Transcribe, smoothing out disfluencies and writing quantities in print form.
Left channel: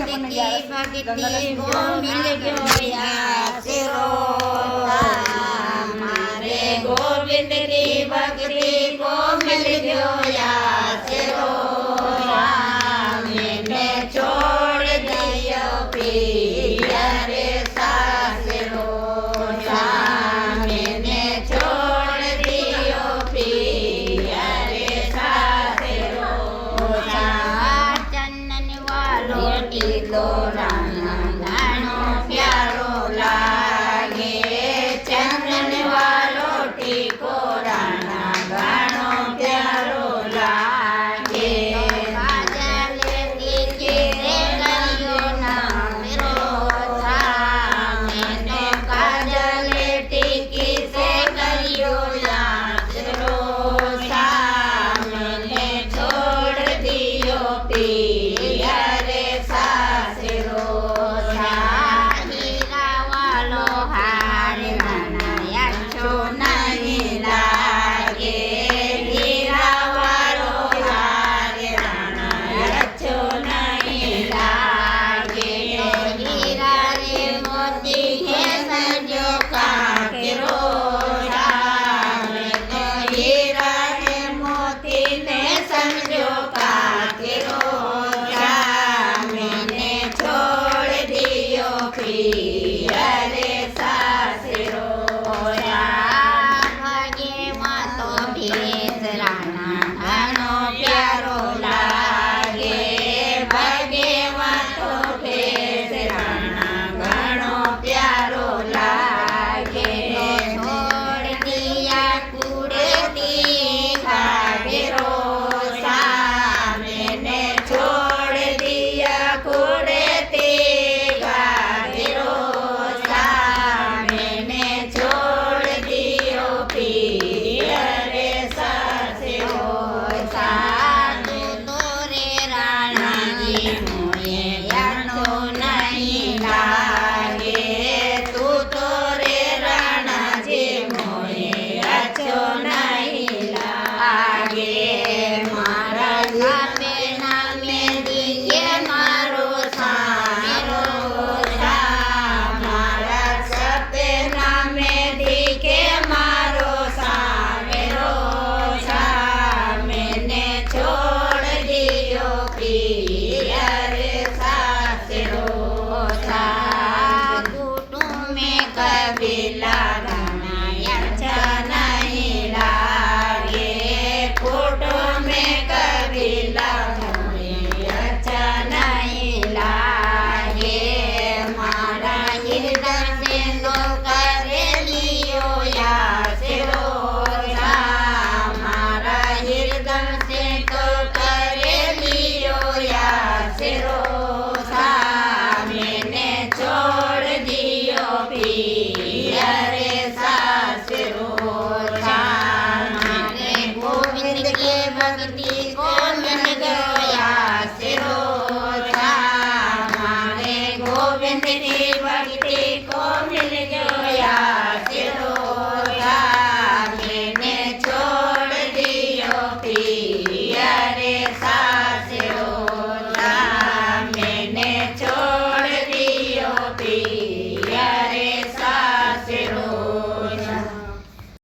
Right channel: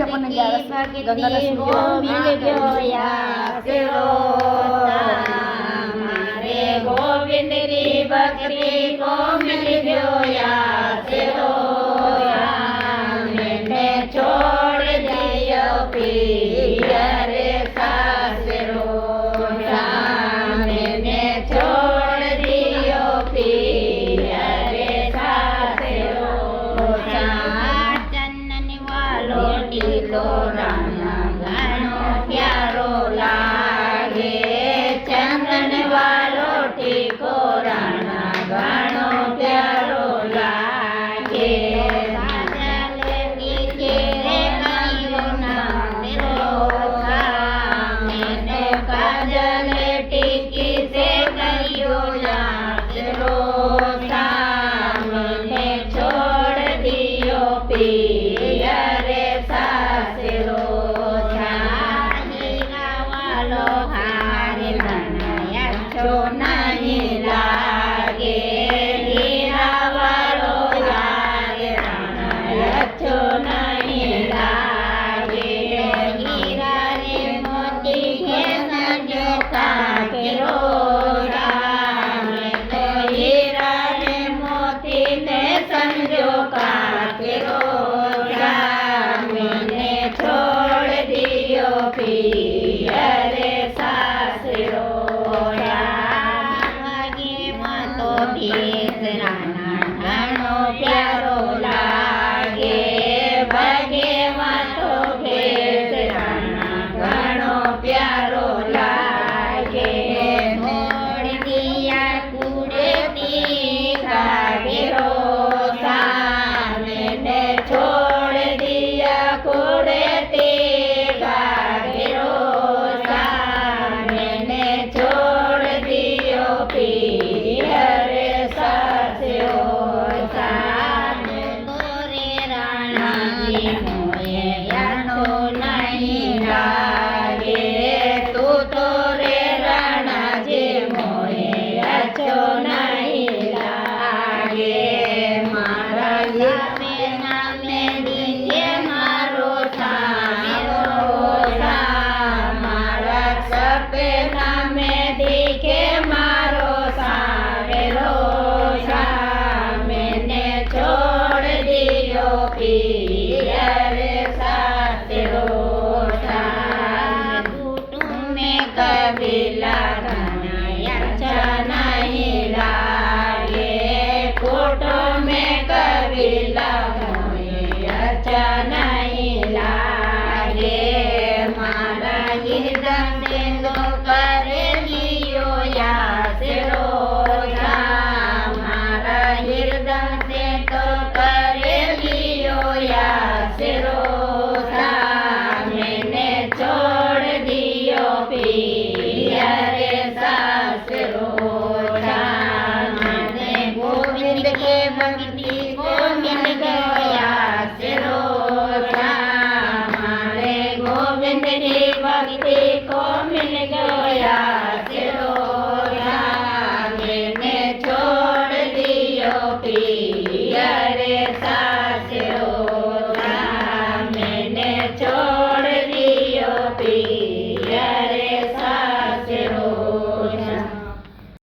भक्ति को मिल गयो आसरो हमारे गोविंद की भक्ति को मिल गयो आसरो मैंने छोड़ दियो पिया रे सासरो मैंने छोड़ दियो पिया रे सासरो चंदन वालो टीलो राणा घणो प्यारो लागे चंदन वालो टीको राणा घणो प्यारो लागे पिया रे सासरो हीरा वालो हार बनाया छो नहीं लागे हीरा वालो हार बनाया छो नहीं लागे हीरा रे मोती के सजो काकेरो हीरा रे मोती ने समझो काकेरो पिया रे सासरो वागे मातो भेस राणा घणो प्यारो लागे वागे मातो भेस राणा घणो प्यारो लागे छोड़ दिया कुड़ती खागेरो मैंने छोड़ दिया कुड़ती पिया रे सासरो रे राणा जी मोये यानो नहीं लागे तू तो रे राणा जी मोये अच्छो नहीं लागे मारा नामे दिए मारो सामो मारा सपना में दिखे पिया रे सासरो में कभी लगाया अच्छा नहीं लागे फोटो में कभी लगाया अच्छा नहीं लागे मारा हृदय से लो कर लियो या सिरो मारा हृदय से तो कर मैंने छोड़ दियो पिया रे सासरो मैंने गोविंद के भक्ति को